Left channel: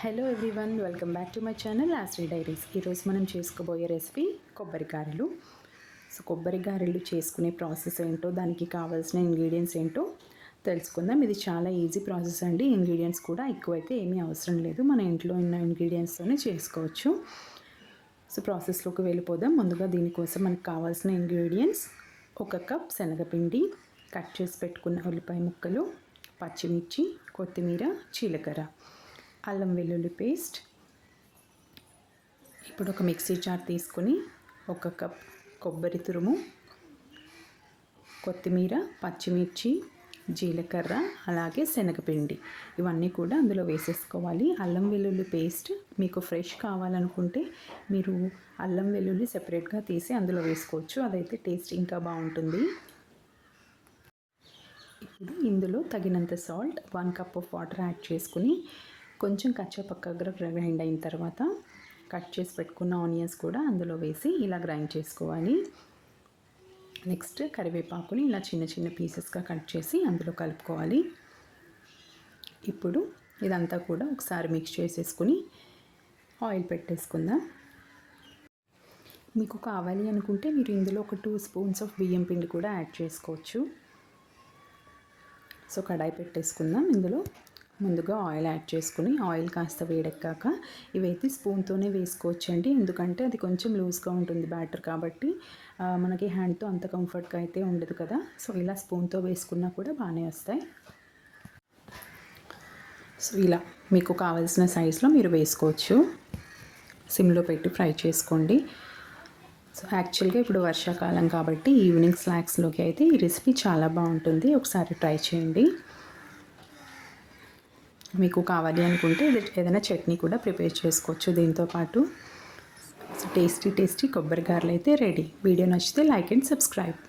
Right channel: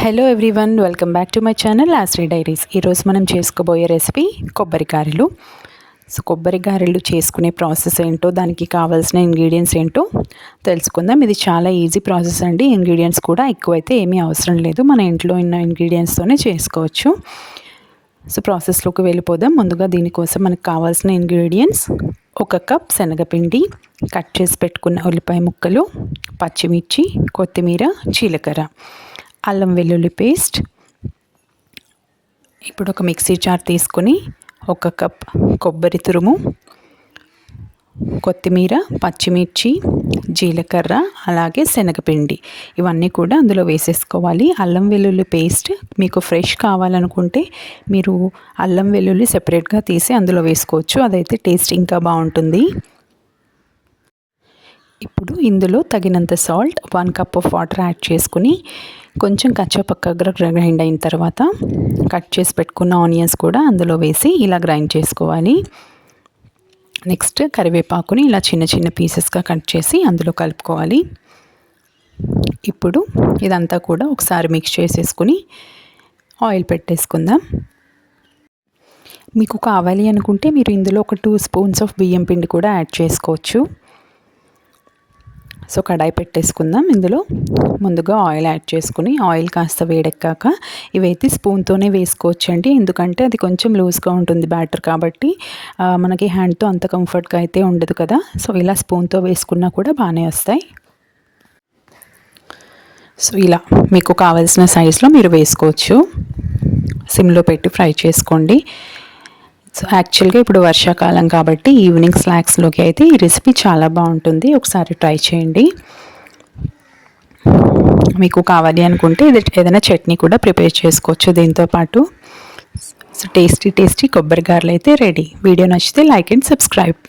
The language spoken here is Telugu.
Hello everyone welcome back to my channel Ashri diaries ఈరోజు మనం చేసుకోబోయే రెసిపీ కొబ్బరి గారెలు. సో కొబ్బరి గారెలు చేసుకునే ప్రాసెస్ ఏంటో దానికి కావాల్సిన ఇంగ్రీడియంట్స్ ఏంటో తెలుసుకుందాం. ఇది చాలా ఈజీ ప్రాసెస్ అండి. ఇంగ్రీడియంట్స్ కూడా ఎక్కువైతే ఏమీ అవసరం లేదు. మన ఇంట్లో ఉన్న ఇంగ్రీడియంట్స్తోనే చేసుకోవచ్చు. సో ప్రాసెస్లోకి వెళ్ళిపోదాం. ముందుగా దీనికోసం మనకు కావాల్సిన ఇంగ్రీడియంట్స్ ఒక కప్ శనగపిండి కట్ చేసి పెట్టుకున్న ఉల్లిపాయ ముక్కలు పచ్చిమిర్చి కొత్తిమీర జీలకర్ర. అల్లం వెల్లుల్లి పేస్ట్. ఇప్పుడు ఒక మిక్సీ జార్ తీసుకొని ఒక కప్ కొబ్బరి తురుము కొత్తిమీర పచ్చిమిర్చి జీలకర్ర అలాగే శనగపిండి. ఇవన్నీ కూడా అందులో వేసేసుకోవాలి. అల్లం వెల్లుల్లి పేస్ట్ మీకు ఫ్రెష్ కావాలనుకుంటే మీరు అల్లం వెల్లుల్లి సెపరేట్గా తీసి అందులో వేసుకోవచ్చు. అదైతే టేస్ట్ ఇంకా బాగుంటుంది. ఇప్పుడు ఇందులో తగినంత salt one cup of water add చేసుకుని కొంచెం కచ్చాపక్కగా గ్రైండ్ అయిన తర్వాత కట్ చేసి పెట్టుకున్న ఆనియన్స్ కూడా అందులో వేసి ఇలా గ్రైండ్ చేసుకోవాలి. నెక్స్ట్ కరివేపాకుని ఇలా చిన్న చిన్న పీసెస్గా కట్ చేసి అందులో కలుపుకోవాలి. ఇప్పుడు ఇదంతా కూడా ఒకసారి మిక్స్ చేసేసుకుని ఆయిల్ పెట్టేసుకుందాం. మీకు కావాలి అనుకుంటే మీరు ఇందులో ఒక టూ స్పూన్స్ ఆఫ్ బియ్యం పిండి కూడా యాడ్ చేసుకోవచ్చు. సో కడాయి పెట్టేసుకుందాం. ఇందులో ముందుగా ఆయిల్ యాడ్ చేసుకుని ఆయిల్ కాస్త వేడెక్కాక ఇవైతే స్పూన్తోనే వేసుకోవచ్చండి. ఎందుకంటే అది కొంచెం లూజ్గా ఉంటుంది బ్యాటర్ కాబట్టి మనకి హ్యాండ్తో అంత కంఫర్ట్గా అయితే ఉండదు కదా. సో ఇలా స్పూన్తో వేసుకున్నా కూడా బాగానే వస్తాయి. సో ఇలా మీకు కావాల్సిన సైజులో మీరు వేసుకోవచ్చు. సిమ్లో పెట్టి ఫ్రై చేసుకోండి. సో యాక్చువల్గా ఇప్పుడు వర్షాకాలం కాబట్టి ఈవినింగ్ స్నాక్స్లోకి అయితే ఈ రెసిపీ చాలా బాగుంటుంది. ఒకసారి ట్రై చేయండి. మీకు కావాలి అనుకుంటే ఇది ఏదైనా చట్నీ కూడా ప్రిపేర్ చేసుకోవచ్చు దీంతో పాటు. సో టేస్టీ టేస్టీ కొబ్బరి గారెలు అయితే రెడీ వీడియో నచ్చితే లైక్ అండ్ సబ్స్క్రైబ్